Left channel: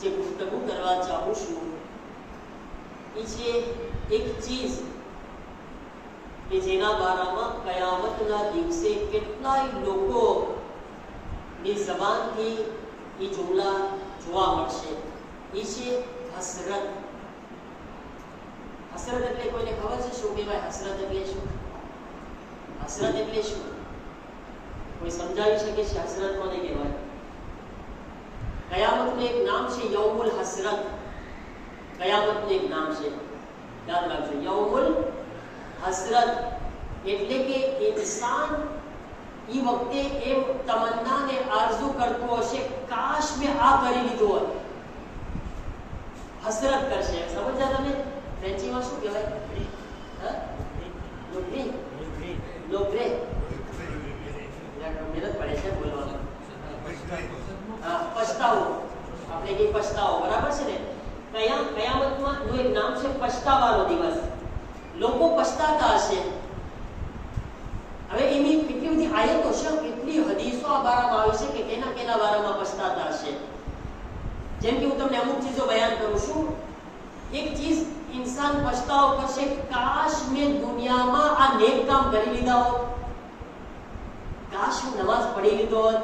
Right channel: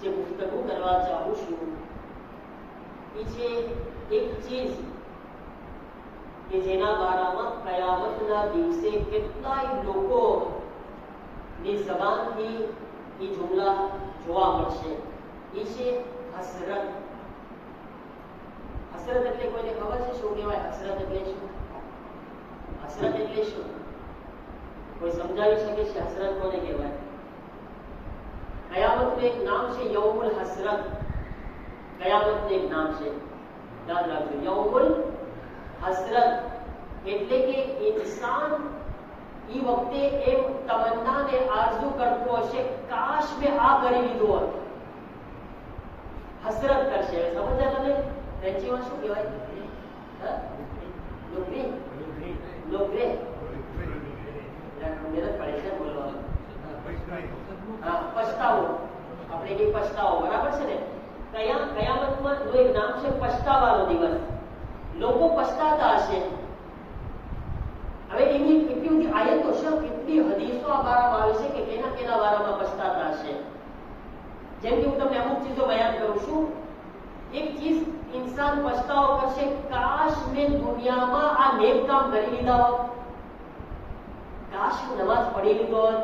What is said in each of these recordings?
જે ગુફ્તગુ કરવા ચાહું છું એ છે એક ચીજ કે જેના બારામાં કયામતના દિવસે કેટલાય લોકો ની જબાનથી એ જુમલા જોવા મળશે. એ છે હસરત. હસરત એટલે કોઈને ખબર છે શું કહેવાય? હસરત એટલે શું? હસરત એટલે શું? કોઈ સમજાવી શકે છે હસરત કોને કહેવાય? કયામતનું એક નામ છે યૌમુલ હસરત. કયામતનું એક નામ છે, યાદ રાખજો, યૌમુલ હસરત. એટલે કે ઇન્સાન એ વખતે એમ તમન્ના ને આરઝુ કરતો હશે, કાશ મેં આ કરી લીધું હોત. હસરત કરશે. સમજ્યા તમે? ફ્રેન્ચીમાં શું કહેવાય? લોગ્રે. મહેનત પડે છે બોલવામાં. પછતાવો. આપણે કઈ પછતાવો, બરાબર છે ને? કયામતમાં નું એક નામ છે પછતાવાનો દિવસ. લોકો પછતાતા હશે. હવે એની કેટલી બધી આયતો છે, કેટલી હદીસો આ બારામાં આવી છે કે કેના કેના બારામાં પછતાતા હશે. જેમ કે હું તમને અમુક ચીજો બયાન કરું છું. એક ચીજ इंसान पछताओ करशे, काश मैं दुनिया में आ नेक काम करी लीधा होत, काश हूँ नमाज पढ़ी लीधो होत.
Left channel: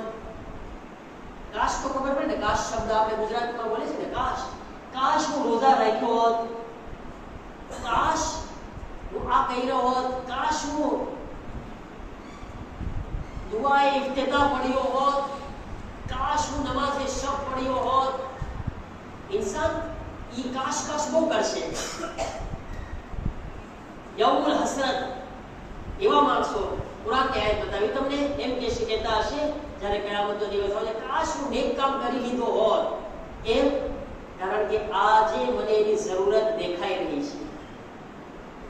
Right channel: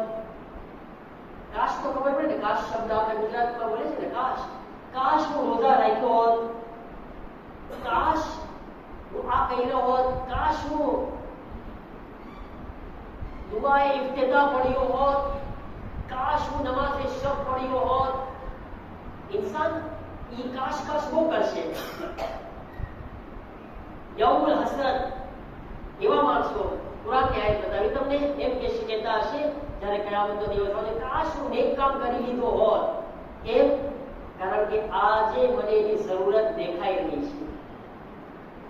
काश तो खबर पड़े ने, काश शब्द आपने गुजरात में बोले छे ने, काश काश हूँ रोजा राख्यो होत, काश हूँ आ कर्यो होत, काश हूँ दुआए इफ्तिताह पढ़्यो होत, काश हूँ नमाज शब पढ़्यो होत. इंसान ये काश काश वो करशे. यौमुल हसरत एवा माणसो कुरान की आयत बतावी તમને એમ કે કહેતા હશે જ્યારે કયામતનો દિવસ આવે, કાશ હું નેક કામ કરી લીધો હોત. કેમ? કારણ કે આજે મને એની જરૂરત દેખાઈ રહી છે.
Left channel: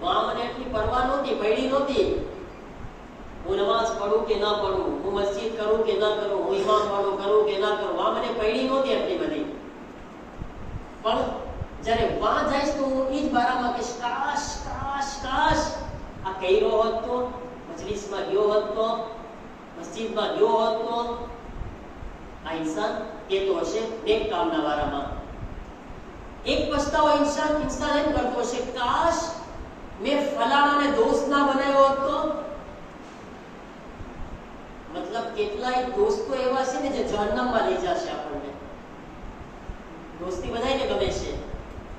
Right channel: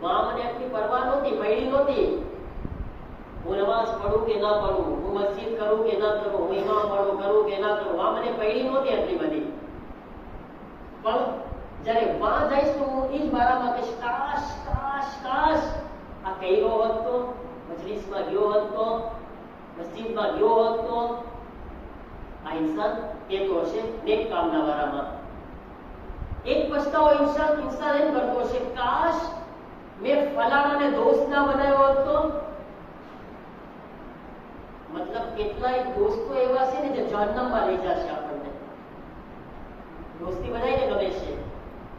માં મને એટલી પરવા નહોતી, પડી નહોતી. હું નમાઝ પઢું કે ના પઢું, હું મસ્જિદ કરું કે ના કરું, હું ઇમામ કરું કે ના કરું, આ મને પડી નહોતી એટલી બધી. પણ જ્યારે વહાં જઈશ તો હું એ જ બારામાં કહીશ, કાશ કાશ કાશ આ કર્યો હોત તો, મજલિસમાં ગયો હોત તો, મસ્જિદમાં ગયો હોત તો. આ ઇન્સાન કહેતો હશે નેક કામના બારામાં. એક પછતાવો ઇન્સાન એમ કરતો હશે, કાશ મેં ફલાણાને દોસ્ત ના બનાવ્યો હોત તો. મતલબ કેટલાય દોસ્તો એવા છે ને જે જહન્નમમાં લઈ જશે આપણને. દોસ્તી બધાને ગમે છે,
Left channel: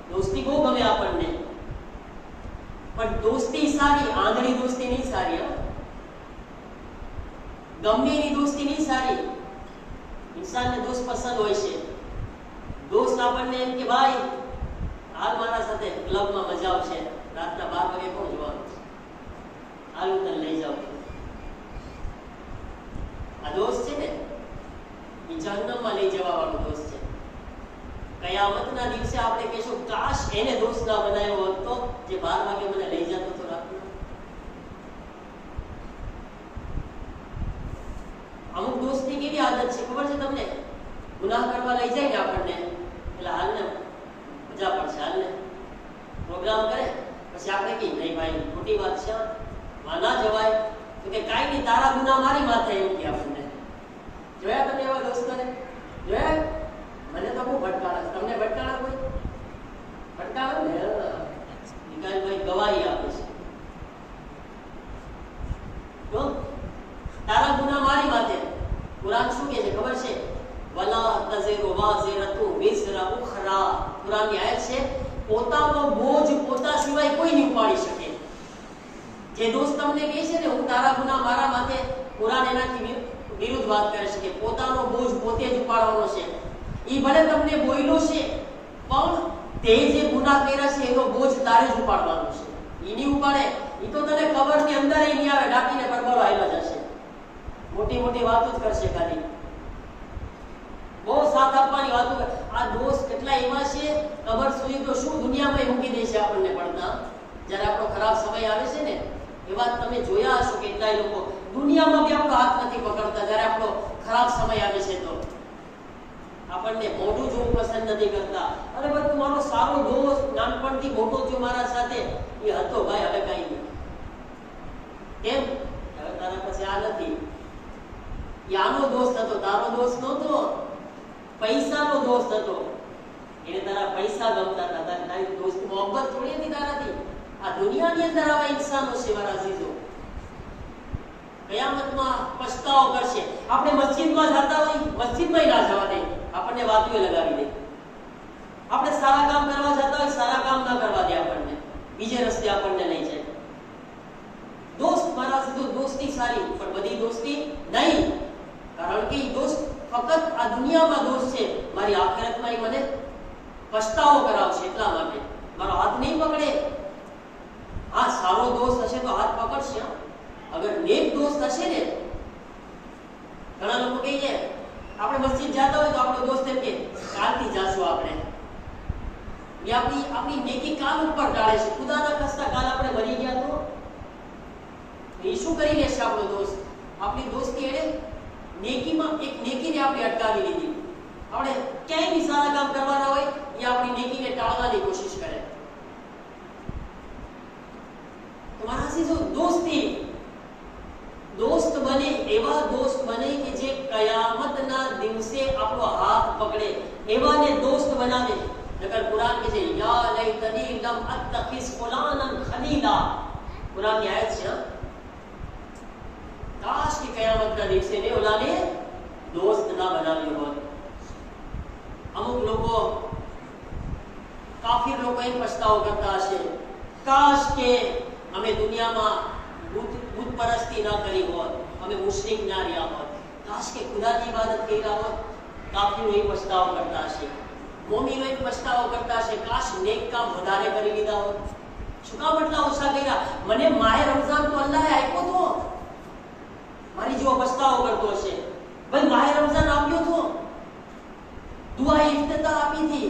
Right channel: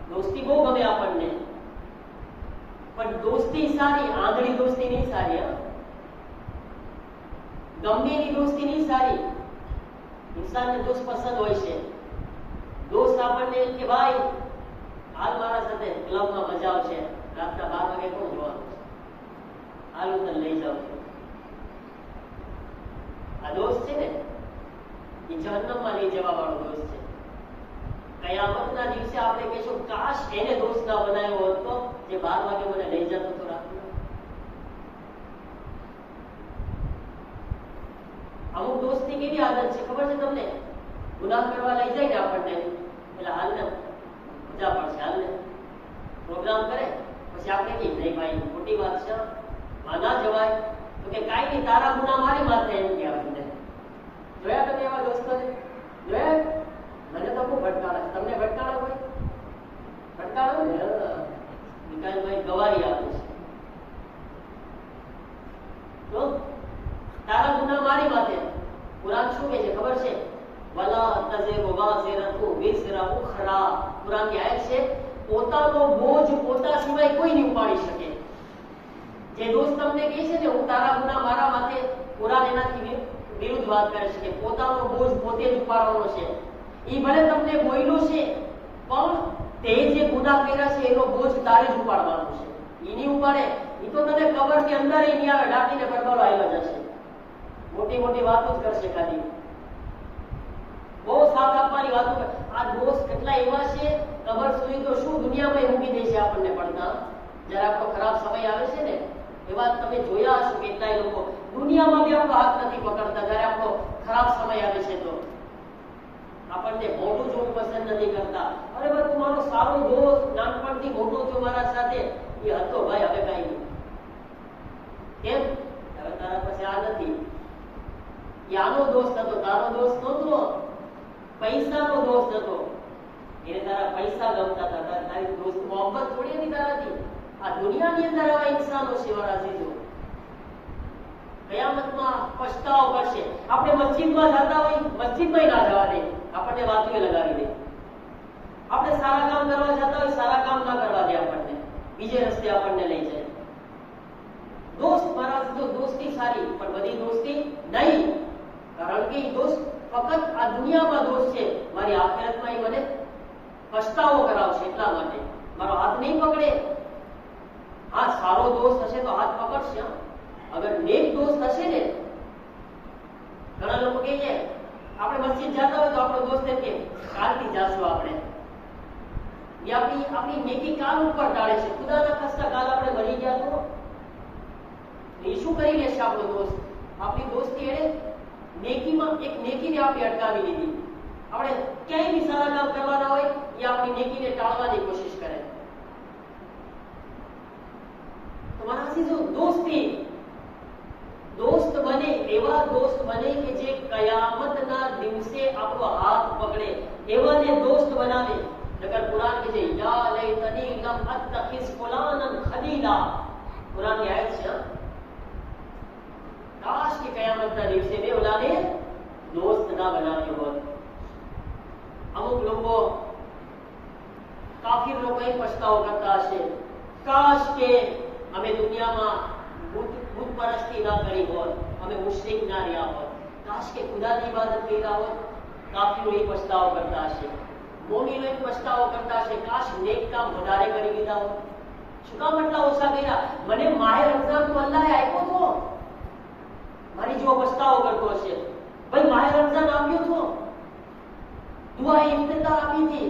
દોસ્તી બહુ ગમે આપણને, પણ દોસ્તી સારી, આંધળી દોસ્તી નહીં સારી. ગમે એની દોસ્તી નહીં સારી. ઇન્સાનને દોસ્ત પસંદ હોય છે. દોસ્ત આપણને એમ કે ભાઈ હાલ મારા સાથે ક્લબમાં મજા આવશે, રાતના 12 વાગે કોણ જોવાનું છે, હાલ હું તને લઈ જાઉં છું. આ દોસ્ત છે ને એ જહન્નમમાં લઈ જવા વાળો દોસ્ત છે. કયામતના દિવસે આપણે કહીશું, કાશ એને દોસ્ત ના બનાવ્યો હોત તો, જે 12 વાગે મને લઈ જતો હતો રાતના. અમુક દોસ્તની કેવી આદત છે ખબર છે તમને? ગુનાહ કરવા લઈ જાય ને આપણને, એટલે હાલ ને મજા પડશે, હાલ ને પ્રોગ્રામ કરે, પછી આપણે કહીએ નહીં ભાઈ ખોટી વાત છે, ના જવાય. તો કે કાંઈ નહીં, તારા ગુનાહ મારી માથે, એમ કે આપણને. જોયા તમે એવા દોસ્તોને? જોયા? મને તો બહુ ભટકાળે. તમને ભટકાળે કોઈ? ભટકાળે ને વિકાસભાઈ ગવાહી આપે છે. તો તારા ગુનાહ મારી માથે. કુરાન શું કહે છે ખબર છે? વલા તઝિરુ વાઝિરતુ વિઝરા ઉખરા. કુરાનની આયત છે, પોતાનો બોજ પોતા સિવાય કોઈ નહીં ઉપાડી શકે. જે દોસ્ત તમને કહે છે ને હું તારા ગુનાહ મારા માથે, કુરાન એનાથી વિરુદ્ધ વાત કરે છે કે પોતાનો બોજ પોતે જ ઉપાડવાનો છે. ઈ ભલે તમને બોલ્યો છે, પણ તે જે ગુનાહ કર્યા છે એનો બોજ તારે જ ઉપાડવાનો છે. ઈ નહીં ઉપાડે, ઈ તો તને કબરની અંદર નહીં આવે, દાટીને પરબરો આવેલો જશે. મોટી મોટી વાતો જ કરશે ખાલી. બહુ સાથ આપવાની વાતો. આ દોસ્ત કેટલા એવા છે, કબર સુધી તો શું દુનિયામાં મૂકી દે છે આપણને પડતા. જ્યારે આપણો ખરાબ સમય આવે છે ને, એવા તમે જોયા હશો કેટલાય લોકો દુનિયામાં બી આપણો હાથ નથી પકડતા. જ્યારે આપણો ખરાબ સમય આવે છે તો આપણને મોઢું જોવું પસંદ નથી કરતા. અરે ભાઈ તું મારો સારો દોસ્ત, નાનપણથી મોટો છો મારા સાથે, એ હતો ભાઈ, હવે કઈ નહીં. કેમ? હવે તારા પછી આ નથી. યાનો દોસ્ત હતો, તારો દોસ્ત નહોતો, પૈસાનો દોસ્ત હતો. એને તારા પૈસા ગમતા હતા, તારી દોસ્ત મોહબ્બત થોડી હતી તારાથી. આ દુનિયાની અંદર આવા ઇન્સાનો છે મારા અઝીઝો. કયામતમાં પછતાવો કરશે. આપણે મસ્જિદમાં જતા હોય, મસ્જિદમાં ના જવા દે, આપણને વાતુએ લગાવી દે. આપણે સારા કામ કરવા જતા હોય, સારા કામ ના કરવા દે, આપણને બીજે રસ્તે આપણને લઈ જાય. દોસ્ત મારા અઝીઝો, દોસ્તી સારી, પણ બધી દોસ્તી નહીં. કારણ કે દોસ્ત ફક્ત આ દુનિયામાં દોસ્ત છે, મારી આખિરતમાં એ મને પછતાવો કરાવશે. એટલા માટે મારો હાથ નહીં પકડે. હા, સારો દોસ્ત હશે તો હાથ પકડશે. અગર નેક દોસ્ત હશે ને, ઘણા લોકો કહે છે આપણે મસ્જિદ જતા હોય તો આપણો દોસ્ત એમ કે કાલથી જાશું આપણે, એ આપણી નેકી કાલ ઉપર ટાળે છે. ખુદાના ખાસ્તા કાલ આપણે મરી ગયા તો એ શું કરી લેશે આપણો દોસ્ત? આપણી દોસ્તી એને નેકીમાં એક નેકીને આપણે અટકાવી લીધી. આપણે ક્યાંય બી સારા કામ કરવાના હોય એ આપણી નેકીને ટાળવાની કોશિશ કરે. તમારા સીધો દોસ્તી, દોસ્ત બને એવા દોસ્ત બને કે જે કયામતના દિવસે આપણો હાથ પકડે, એવાને દોસ્ત બનાવે. નકર કુરાન કહે છે યા લૈતની લમ અત્તખિઝ ફુલાનન ખલીલા. કુરાનની આયત છે. કાશ કે કયામતના દિવસે મેં ઓલાને દોસ્ત ના બનાવ્યો હોત. અમુક લોકો, કાફિર લોકો એ પછતાવો કરતા હશે, કાશ કે અમે દુનિયામાં બુત પરસ્તી ના કરી હોત, અમે મુશ્રિક ના રહ્યા હોત, કાશ કે ખુદાની ઇબાદત કર્યા હોત. કાફિરો એ પછતાવો કરતા હશે, મોમીનો એ પછતાવો કરતા હશે, કાશ નેક કામ વધારે કરી લીધા હોત. શું કામ એટલા ઓછા કર્યા? મને માહે રમઝાન તો અલ્લાહે આપ્યો તો, મારી જેવો પછતાવો કરતો હશે. ભાઈ માહે રમઝાન આપ્યો તો, દુઆ ઇફ્તિતાહ આપી હતી,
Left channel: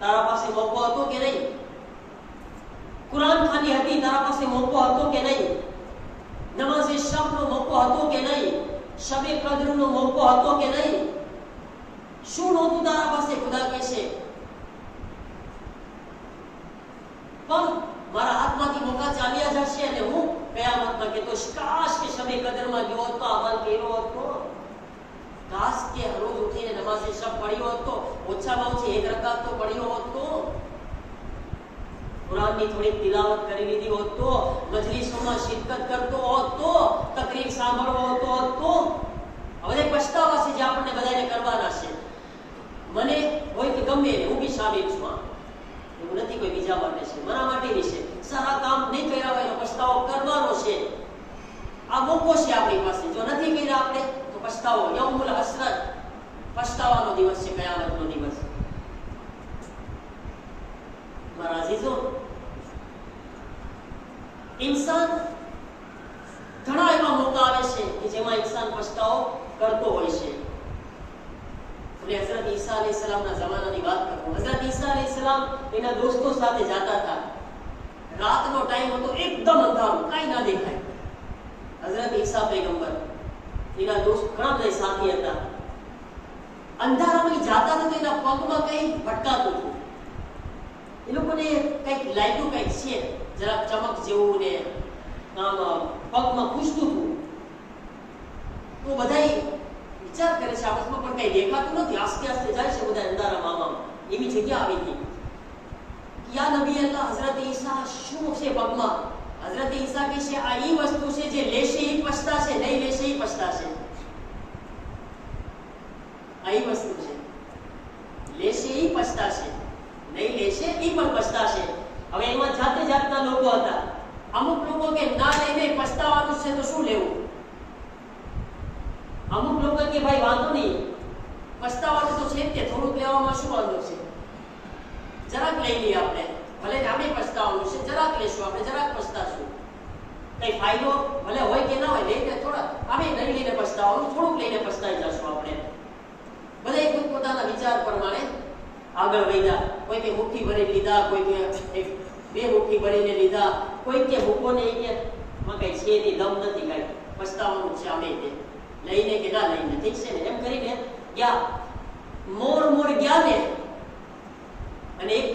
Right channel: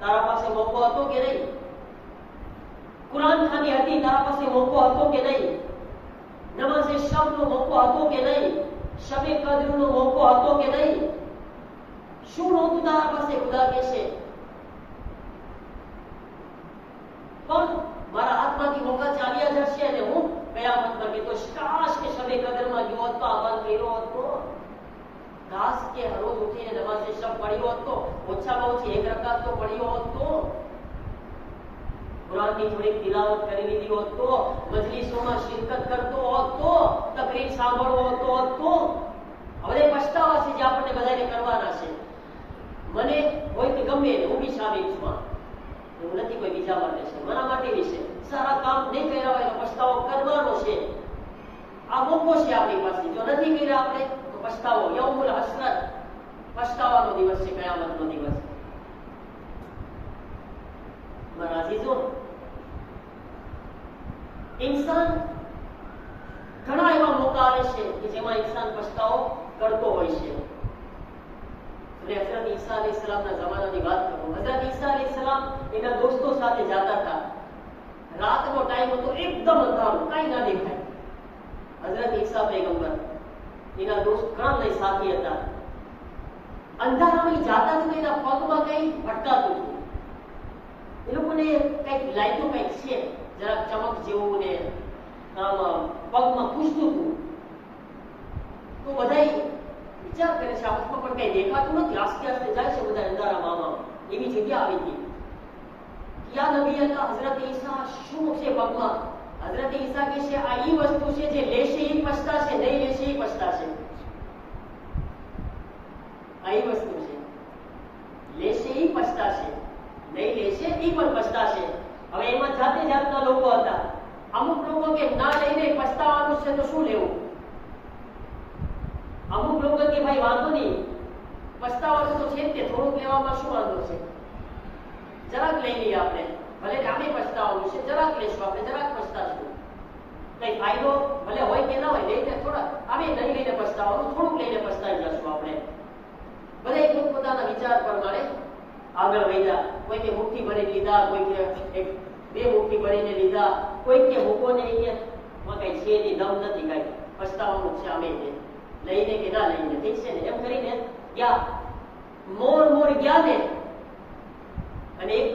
તારા પાસે મોકો હતો કે નહીં? કુરાન ખાની હતી, તારા પાસે મોકો હતો કે નહીં? નમાઝે શબનો મોકો હતો કે નહીં? શબે કદરનો મોકો હતો કે નહીં? શું નહોતું તારા પાસે? ખુદા કહેશે પણ મારા હાથમાંથી મોકા ચાલ્યા જશે અને હું કયામતમાં કહેતો કાશ કે શબે કદરમાં ગયો હતો, અમલ કર્યો હતો, કાશ કે રોજ ઉઠીને નમાઝે શબ પડ્યો હતો, ઓછામાં ઓછી એક રકાત તો પડ્યો હતો, કુરાનની થોડી તિલાવત કરી લીધી હોત તો, મજલિસોમાં શિરકત કરતો હોત તો, તકરીર સાંભળવો હતો. હવે પછતાવા છે જે આપણને બધાને કરવાના છે. મને હોય કે ગમે એને, હું બી શામિલ છું. એવું નથી કોઈ બીજા માટે છે, મારા માટે બી છે. સારા કામ નહીં કર્યા હોય તો પછતાવો કરવાનો છે. આ મોકો છે આપણી પાસે. જો નથી કર્યા આપણે તો પછતાવો, યૌમુલ હસરત, પછતાવાનો દિવસ છે, કયામતનો દિવસ. મારા અઝીઝો, ઇન્સાન ઘણા એવા મોકા આવે છે કે જેમાં ઇન્સાન પછતાવો કરતો હોય છે. હઝરત ઈસા અલૈહિસ્સલામના જમાનાની વાત કરું. હઝરત ઈસા અલૈહિસ્સલામ એના દોસ્તો સાથે જતા હતા. રાતનો ટાઈમ હતો, એકદમ અંધારું, કાંઈ ના દેખાય. હઝરત ઈસા પૈગંબર, એના દોસ્ત ઘણા બધા સાથી હતા. અંધારામાં જતા હતા તો એના પગમાં કંઈ ભટકાતું હતું. એ લોકોને કંઈક લાગ્યું, કંઈક છે જરાક ચમક જેવું ને પગમાં ખૂંચતું હતું. તો બધા વિચાર કરે છે આપસમાં, પણ કઈ દેખાતું નથી. આસ્તે આસ્તે જાય છે બધા અંધારામાં. એવી જગ્યા આવી હતી. યા નબી અલ્લાહ, હઝરત ઈસા શું છે પગમાં? હઝરત ઈસા કહે છે આ ઈ વસ્તુ છે જે લેશે ઈ પછતાશે, નહીં લેશે ઈ પછતાશે. આ ઈ વસ્તુ છે, લેશે ઈ પછતાશે, નહીં લેશે ઈ પણ પછતાશે. હવે એમાં જાતે જાતના લોકો હતા. અમુક લોકો કે ના લઈને પછતાવાનું છે તો શું લેવું? અમુક લોકો કે ભાઈ વાંધો નહીં, પછતાવાનું તો છે તે, થોડુંક લેવામાં શું વાંધો છે, જરાક લઈ લઈએ આપણે, ભલે આમે પછતાવાનું છે, જરાક લેશું આપણે, જરાક પછતાશું, કઈ ફાયદો ભલે હોય કે ના હોય, લઈને થોડા આમે નહીં લઈને પછતાવાનું, થોડુંક લઈને પછતાઈ જશું આપણે. બધા પોતપોતાના વિચાર પ્રમાણે આગળ વધ્યા. કોઈ કે મુઠ્ઠી ભરીને લીધા, કોઈ કે એક બે મુઠ્ઠી ભરીને લીધા, કોઈ કે મૂકોને કે માં કઈ છે નહીં, દમ નથી, કઈ પછતાવાનું છે, અમે લઈને કે ના લઈને, ઠીક છે ને, એમ કરીને ગયા. મોર ગયા ને, અને એક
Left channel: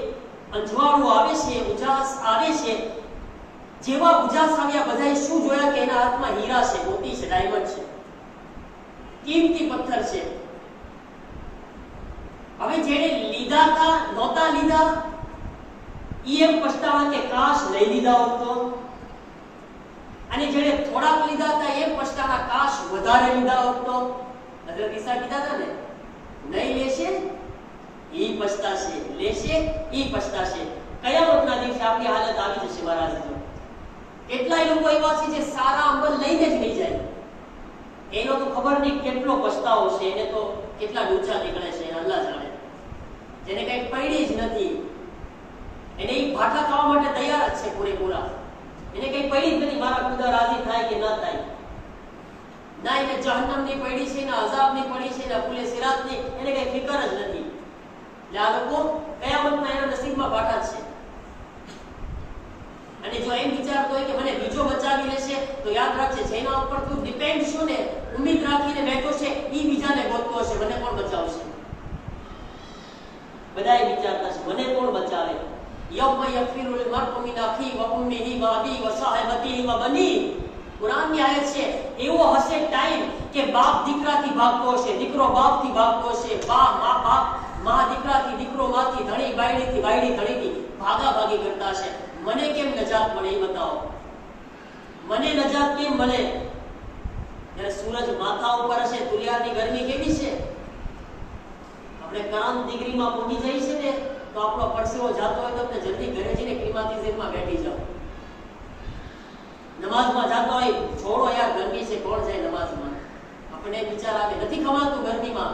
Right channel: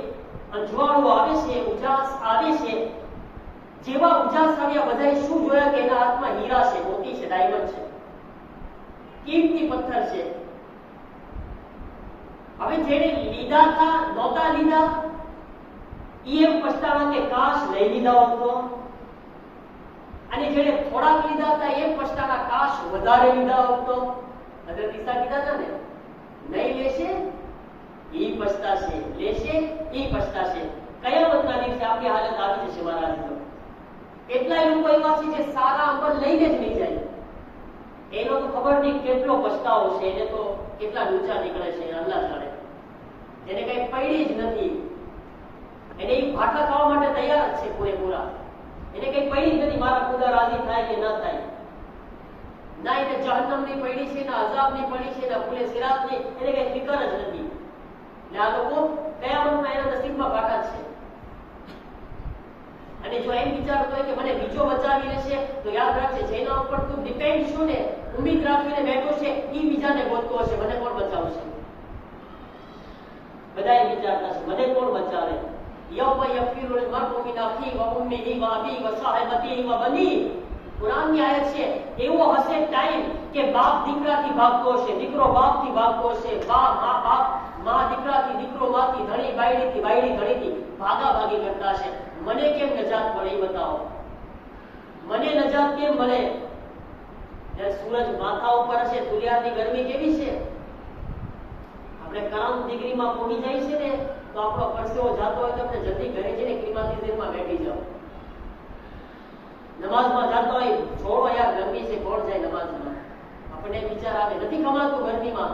અંજવાળું આવે છે, ઉજાસ આવે છે. જેવા ઉજાસ આવ્યા બધાએ શું જોયા કે એના હાથમાં હીરા છે, મોતી છે, ડાયમંડ છે, કિંમતી પથ્થર છે. હવે જેને લીધા હતા નહોતા ઓછા લીધા ઈ એમ પછતાણા કે કાશ લઈ લીધા હોત તો, અને જેણે થોડાક લીધા હતા એમ પછતાણા કાશ વધારે લીધા હોત તો. હઝરત ઈસા કીધા હતા ને, નહીં લેશે ઈ પછતાશે, લેશે ઈ પછતાશે. કયામતના દિવસે આપણી હાલત આવી જશે મહારાજ. તો કેટલાય લોકો એવા છે જે સારા અમલ લઈને જ લઈ જાય, એનો તો ખબર નહીં કેટલો પછતાવો છે, એને તો કેટલા ઊંચા નીકળે છે અલ્લાહ જાણે. જેને કઈ પડી જ નથી, એને ઈ ભાઠા ખાવા માટે તૈયાર જ છે પૂરેપૂરા. એને કઈ પડી જ નથી, મારા ખુદા રાજી થાય કે ન થાય. ના એને જહન્નમની પડી છે, ના અઝાબની પડી છે, ના ફૂલે સિરાતની, એને કઈ ફિકર જ નથી. એટલે આ લોકો કયામતના એના નસીબમાં ભાઠા જ છે. અને જો એમ વિચારતો હોય કે મને બીજો બચાવી લેશે, તો યાદ રાખજે જેના ઉપર તું ડિપેન્ડ છું ને, ઉમ્મીદ રાખીને બેઠો છે, ઈ બીજાને ગોતતો હશે મને કોણ બચાવશે. બધાએ વિચારતા છે મને કોણ બચાવે. યૌમ યફિરુલ મરઉ મિન અખી વ ઉમ્મિહી વ અબી વ સાહિબતિહી વ બની. કુરાનની આયત છે, એવો હશે ટાઈમ કે બાપ દીકરાથી ભાગતો હશે, દીકરો બાપથી ભાગતો હશે, માં દીકરાથી, દીકરો માંથી, ધણી બાયડીથી, બાયડી ધણીથી ભાગાભાગી કરતા હશે. મને કેમ નજાત મળે એ બતાવો, મને નજાત કેમ મળે? જ્યારે સૂરજ માથા ઉપર હશે, દુનિયાની ગરમી કેવી છે, આપણે ક્રાંત ડિગ્રીમાં પહોંચી જાય છે ને, તો આપણો પરસેવો જાતો હોય તો આપણે જલ્દી ઘરે જઈને ક્લિમાટીઝરમાં બેઠી જાઓ. નમાઝમાં જાતો હોય, છોડો યાર ગરમી છે, કોણ જાય નમાઝમાં? આપણને વિચાર આવે નથી ખમાતું ગરમીમાં.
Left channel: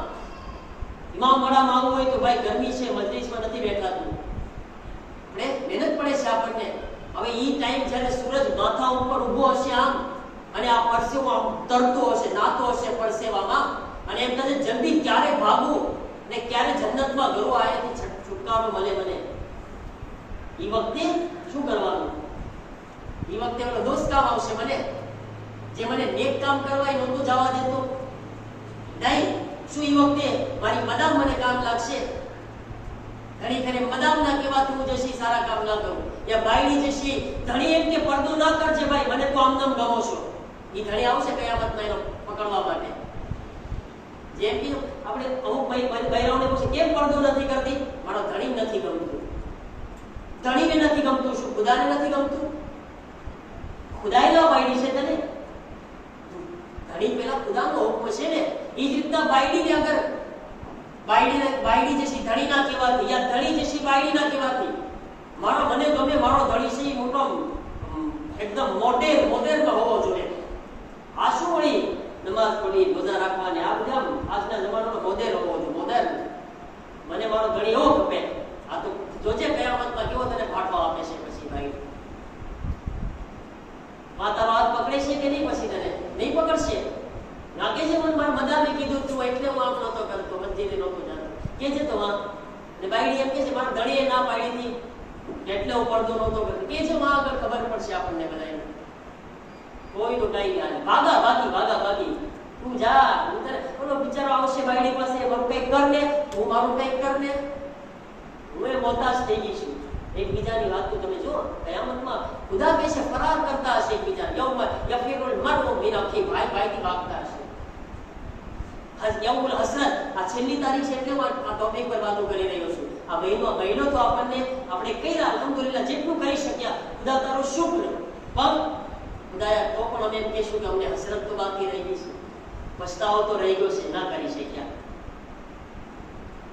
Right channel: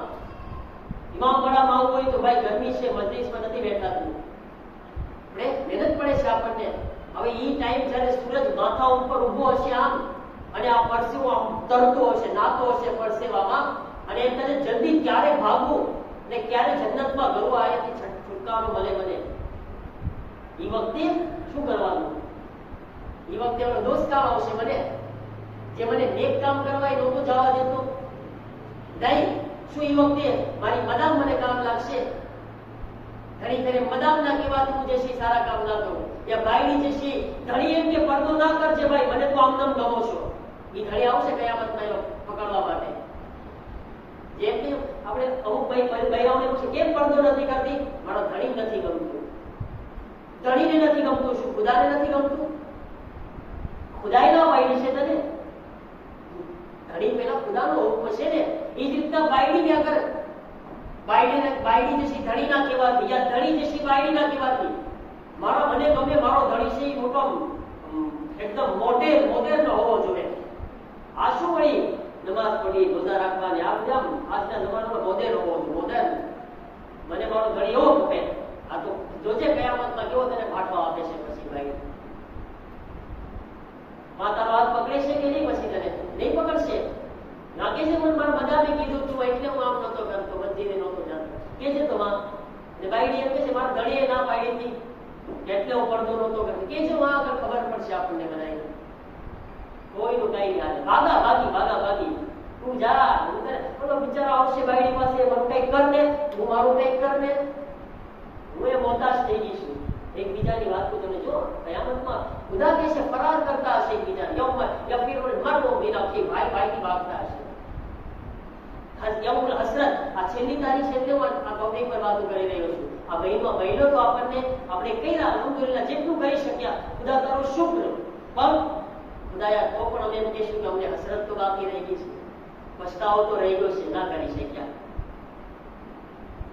ઇમામ પડામાં આવવું હોય તો ભાઈ ગરમી છે, મજલિસમાં નથી બેઠાતું, આપણે મહેનત પડે છે આપણને. હવે ઈ ટાઈમ જ્યારે સૂરજ માથા ઉપર ઊભો હશે આમ, અને આ પરસેવો આમ તરતો હશે, નાતો હશે પરસેવામાં, અને એમ થશે જલ્દી ક્યારે ભાગવું ને ક્યારે જન્નતમાં ગયો આયાથી છુટકારો મળે મને. ઈ વખતે શું કરવાનું? ઈ વખતે એનો દોસ્ત કામ આવશે મને, જે મને નેક કામ કરવા એ નહોતું જવા દેતો. નહીં, શું ઈ વખતે મારી મદામ મને કામ લાગશે? ધણી ખરે મદામ ના કહેવાથી હું જશી સારા કામ ના કરું, યા બાયડી જશી ધણી એમ કે પડદો ના કરજે ભાઈ, મને તો આમનામ ગમો છો. ઈ ધણી આવશે કયામતમાં એનો પકડવા માટે. જેમ કે આપણે અમુક બૈરાઓને પૂછે કેમ પડદો નથી કરતી? મારો ધણી નથી ગમતું. ધણીને નથી ગમતું, શું ખુદાને નથી ગમતું? ખુદાએ ના બાયડી છે તને. ધણી પેલા ખુદાનો હુકમ છે ને. એ જ રીતના બાયડીને અગર બાયડી જશી ધણી ના કહેવાતી, યા ધણી જશી બાયડી ના કહેવાતી, મને ગમે મારો ધણી છે એ મોટો એકદમ મોડેર્ન હોવો જોઈએ. આ શું વળી નમાઝ પઢી, રોજા રાખવાની, આ બધા આજના જમાનાનો મોડેર્ન હોવો જોઈએ. મોડેર્ન મને મારો ધણી એવો ગમે. આ તો જોજે કયામતમાં કેવો તને ફાટો આપે છે પછી ભાઈ. તારો હાથ પકડે છે કે નહીં? પછી તને નહીં પકડશે. લાગે છે પણ મારા મદામે કીધું તું એટલે હું આમ નહોતો કરતો, મંદિરે નહોતો જાતો કે છે તો વાં. અને બાયડી એમ કે છે મારા ધણીએ ના પાડી હતી એટલે હું પડદો નહોતો કરતો કે છે. વાં આગળ ખબર પડશે આપણને બધાને. કોઈનું કઈ નહીં હાલે. ભાગી તું જા. ઓલો બિચારો આવશે બાયડી પાસે, મારું કંઈક કર ને, હું મારું કંઈક કર ને. હું એ મોહતાજ થઈ ગઈ છું. એકબીજાની વાત તો તમે જો કયામતમાં ખુદા કહે છે ફરાર કરતા હશે એકબીજા. યૌમ યફિરુલ મરઉ મિન અખી, ભાઈથી ભાગતા હશે. યૌમુલ હસરત, આ છેલ્લી તારીખ છે એટલે હું આ ટોપિક પર વાતો કરી રહ્યો છું. આ મહિનો તો આપણે કર્યા અલ્હમ્દુલિલ્લાહ જેટલું કરી શક્યા. ખુદા તારો શુક્ર. પણ ખુદાયા તો પણ અમે એમ કહીશું કે અમને હસરત તો બાકી રહી ગઈ છે, પછતાવો તો રહી ગયો છે, ના કરી શક્યા.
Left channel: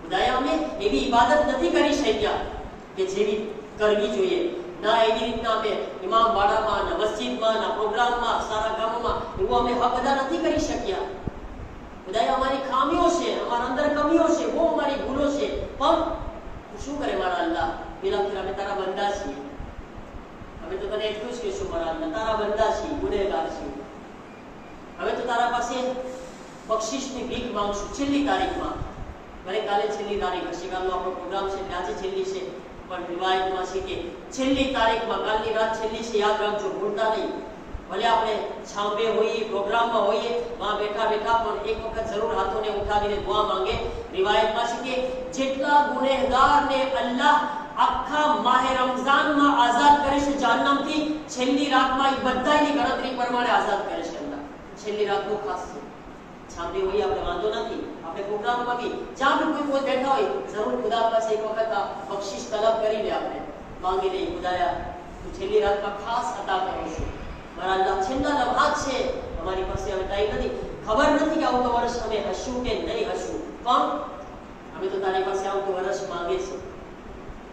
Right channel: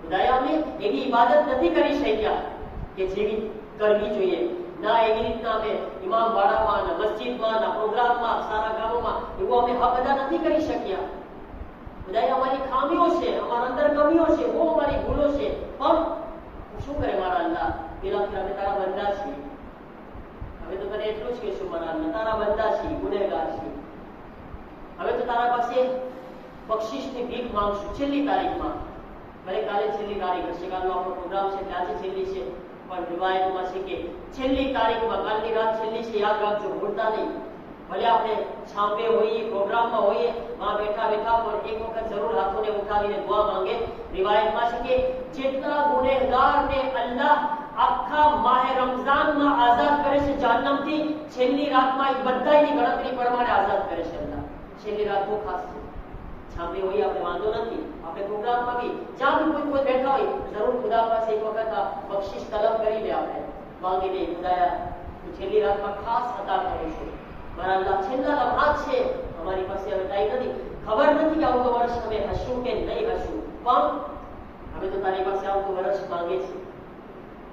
ખુદાયા અમે એવી ઇબાદત નથી કરી શક્યા કે જેવી કરવી જોઈએ. ના એવી રીતના અમે ઇમામ બાડામાં, ના મસ્જિદમાં, ના પ્રોગ્રામમાં, સારા કામોમાં એવું અમે બધા નથી કરી શક્યા. ખુદાયા અમારી ખામીઓ છે, અમારા અંદર કમીઓ છે, બહુ અમારી ભૂલો છે. પણ શું કરે મારા અલ્લાહ? પેલા ફેર અમે તારા બંદા છીએ. હવે તો તને એટલું જ કહેશું મારા અલ્લાહ, તારા બંદા છીએ, ગુનેગાર છીએ. હવે તો તારા પાસે બક્ષિસની ભીખ માંગશું છેલ્લી તારીખમાં. ભલે કાલે છેલ્લી તારીખ હશે, કાલનો આપણો પ્રોગ્રામ છે એટલે આજે છેલ્લી છે, પણ રિવાયતમાં છે કે છેલ્લી તારીખમાં, કાલની રાત છેલ્લી છે, યાદ રાખજો, ભૂલતા નહીં. ભલે આપણે છાંપે હોઈએ, પ્રોગ્રામમાં હોઈએ, વહાં બેઠા પણ એક વખત જરૂર હાથોને ઉઠાવીને દુઆ માંગે. રિવાયતમાં છે કે જેટલા ગુનેહગારને અલ્લાહ આખા માહે રમઝાનમાં આઝાદ કરે છે જહન્નમથી, છેલ્લી રાતમાં એ બધાની ગણતરી પ્રમાણે આઝાદ કરે છે અલ્લાહ. છેલ્લી રાત બહુ ખાસ છે. છાંપે હોઈએ આપણે વાંધો નથી, આપણે પ્રોગ્રામમાં બી જ્યાં બી કોઈ બેઠા હોય જરૂર ખુદા પાસે એક વખત બક્ષિસ તલબ કરીને આપણે માંગી લઈએ ખુદાયા તું છેલ્લી રાતમાં ખાસ અતા કરીશું મારા અલ્લાહ છેલ્લા લમ્હાત છે અમારી પાસે હવે ટાઈમ નથી ખબર નથી કે આવતું વર્ષ અમે હશું કે નહીં હશું પણ અમે તો તારી પાસે આવતું વર્ષ માંગે છે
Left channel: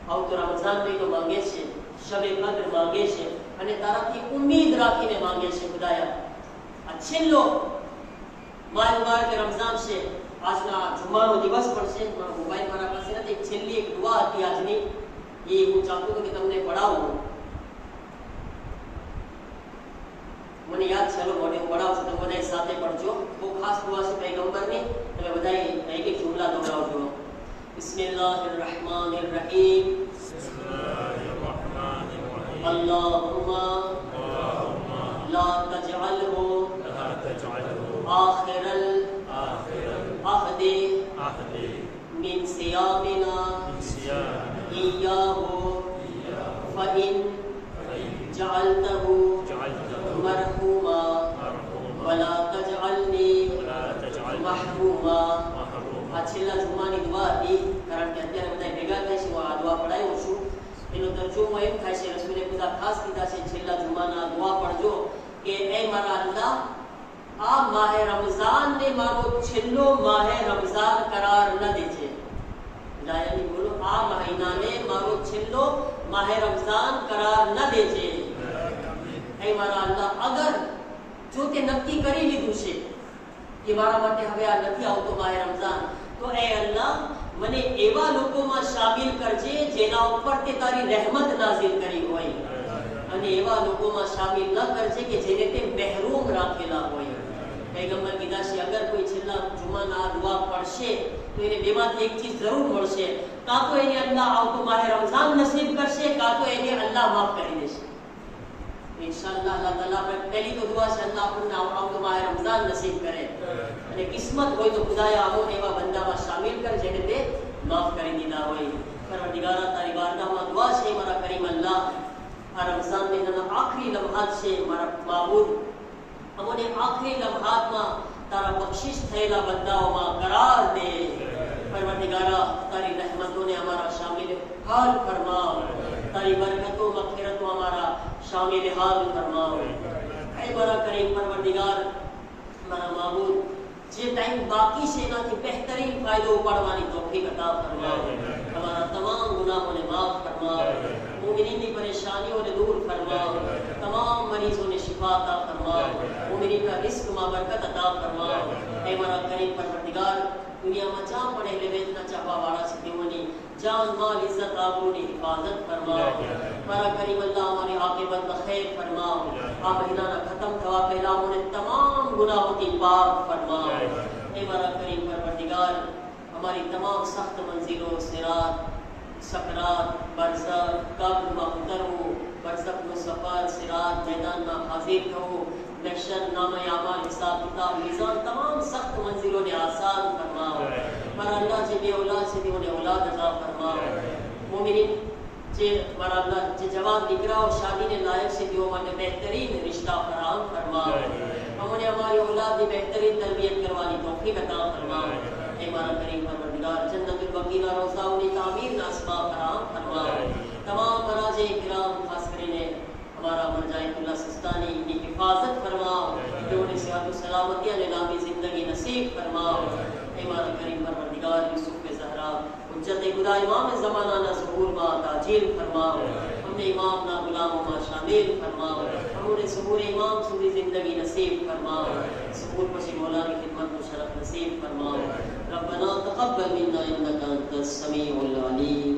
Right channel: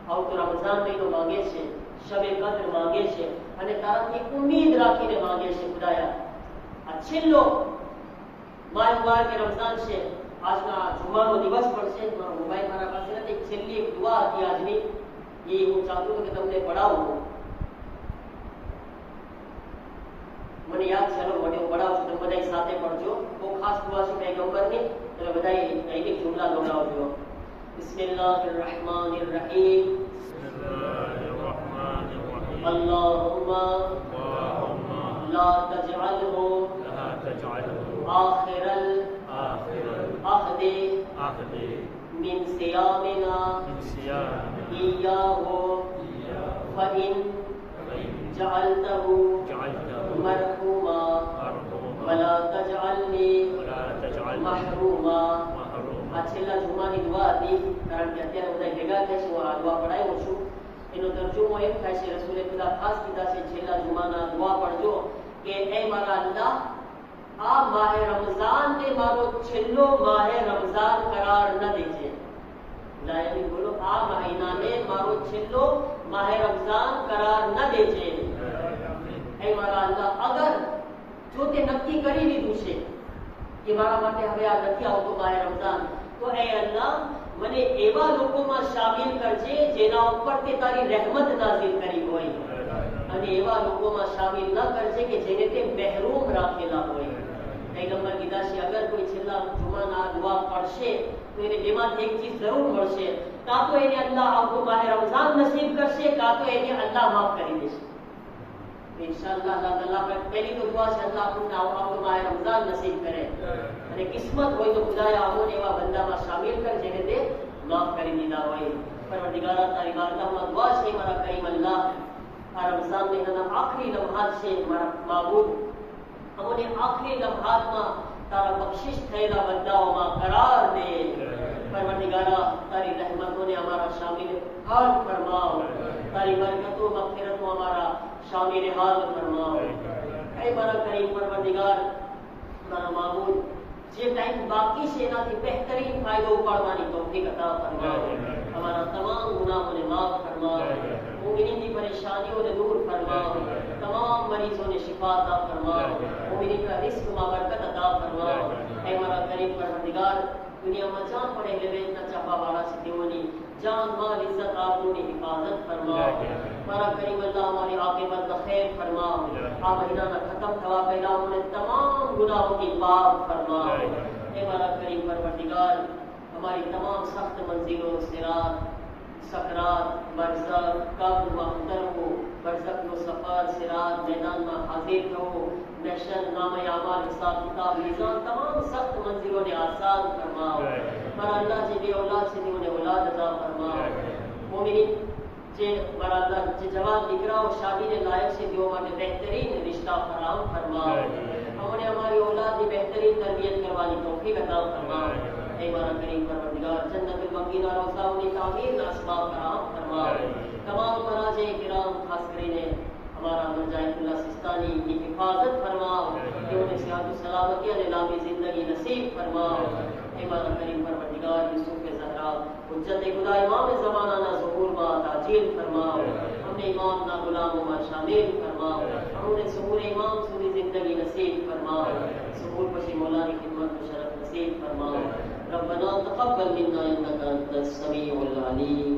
આવતો રમઝાન મહિનો માંગે છે શબે કદ્ર માંગે છે અને તારાથી ઉમ્મીદ રાખીને માંગે છે ખુદાયા આ છેલ્લો માય મુબારક રમઝાન છે આજના જુમાનો દિવસ પણ છે મોબાઈલ મારા પાસે નથી છેલ્લી એક દુઆ હતી આજની એ હું ચાહતો હતો કે તમને પઢાવું મને યાદ છે મોડે પઢાવશું તમે બધા સાથે પઢજો બહુ ખાસ દુઆ છે પૈગંબરની તમે બધા એક એક જુમલા દોહરાવજો બિસ્મિલ્લાહિર રહેમાનિર રહીમ અલ્લાહુમ્મા લા તજઅલહુ આખિરલ ahdi min siyamina iyyahu fa in ja'altahu marhuma wa la taj'alni mahruma આ છેલ્લા જુમાની દુઆ હતી કારણ કે અત્યારે બધા ભેગા થાય છે આ દુઆ પઢાયું છું એનો તરજુમો એમ થાય છે રસૂલે ખુદા ખાસ કીધા છે છેલ્લા જુમાના દુઆ પઢજો કે એ મારા અલ્લાહ આ માહે રમઝાન ને મારો છેલ્લો માહે રમઝાન કરાર ન દેજે લાયની બોલો આ મહિનાને મારો છેલ્લો માહે રમઝાન કરાર ન દેજે હે મારા અલ્લાહ અગર જો તે નક્કી કરી લીધું છે કે મારા માટે હવે આ નથી આવતો માહે રમઝાન તો એ અલ્લાહ મને એવા લોકોમાં શામિલ કરજે જેના ઉપર તે તારી રહેમત નાઝિલ કરી હોય અને એવા લોકોમાં શામિલ ન કરજે કે જેને તે મહેરૂમ રાખેલા હોય પૈગંબર કીધા છે અગર કોઈ છેલ્લા જુમાના દુઆ પડશે તો એને બેમાંથી એક ચીજ જરૂર મળશે કાં તો એને અલ્લાહ આવતો માહે રમઝાન નસીબ કરશે કાં તો એને અલ્લાહ માફ કરી દેશે ઇન્શાઅલ્લાહ અલ્લાહ તાલા પર પહેલી તો દુઆ છે અલ્લાહ આપણને આવતો માહે રમઝાન નસીબ કરે અને કિસ્મત હોય તો ખુદાયા અમોને એવા બંદામાં શામિલ કર જેને તે માફ કરી દીધા હોય પરવરદિગારા તારી બારગાહમાં દુઆ છે મારા કરીમ અલ્લાહ આ રમઝાન મહિનાના આખરી લમ્હાત છે મારા માબૂદ અમને આખરી લમ્હાતમાં તારા બક્ષિસ થયેલા બંદાઓમાં કરાર દે પરવરદિગારા તારી રહેમતોને અમારા શામિલ હાલ ફરમાવ તારી બરકતો મગફિરતો અમારા શામિલ હાલ ફરમાવ એ મારા કરીમ પરવરદિગાર મારા માબૂદ જે ટાઈમ બાકી છે એનાથી બહેતરીન ફાયદો ઉપાડવાની તૌફીક અતા ફરમાવ हमारा तमाम गुनाहों ने माफ फरमाओ मुमिनीन की परेशानियों ने दूर फरमाओ तमाम मरीजों ने शिफा अता फरमाओ मुमिनीन का रिस्क में बरकत अता फरमाओ ऐ हमारा करीम परवरदिगार दुनिया में जहाँ पड़े लेवे इतना चापा वाला से देवनी जान माल इज्जत आबरू ने हिफाजत फरमाओ हमारा करीम अल्लाह हमारी आक़िबत खैर फरमाओ आ महीना ना खत्म थवा पहला उन्हें तमाम गुनाहों की माफ फरमाओ ऐ हमारा करीम परवरदिगार हमारी तमाम सख्त मंजिलों सिरात सकरात बरज़ख कब्र मक़दर हो बरज़ख में सफ़र सिरात मैदान में हाजिर करो महशर नामा अमाल हिसाब किताब मीज़ान तमाम सख्त मंजिलों ने आसान फरमाओ हमारा अल्लाह जे बे औलाद से उन्हें औलाद अता फरमाओ मोमिनीन जे हमारा अल्लाह जे जवान दीकरा और शादी ने लायक से दियो माने बेहतरीन रिश्ता फराहम फरमाओ हमने हमारी औलाद की बेहतरीन तरबियत करवानी तौफीक अता फरमाओ ऐ हमारा करीम परवरदिगार जन्नतुल बक़ी ना रोज़ा उन्हें तामीर ना अस्बाब फराहम फरमाओ तमाम मराजे किराम खास કરીને हमारा मरजाइतुल्लाह सिस्तानी की हिफाजत फरमाओ उन्हें सेहत सलामती और लामी जिंदगी नसीब फरमाओ ऐ हमारा करीम परवरदिगार यूसुफ ज़हरा हुज्जत खुदा इमाम ज़माना ना ज़हूर मा ताजील फरमाओ हमने इमाम ना गुलामों में शामिल फरमाओ हमने ज़हूर इमाम सुनी जिंदगी नसीब फरमाओ ज़हूर पसी मौला की खिदमत को शरफ नसीब फरमाओ रब्बना तक़ब्बल मिन्ना इन्नका अंतस समीउल अलीम।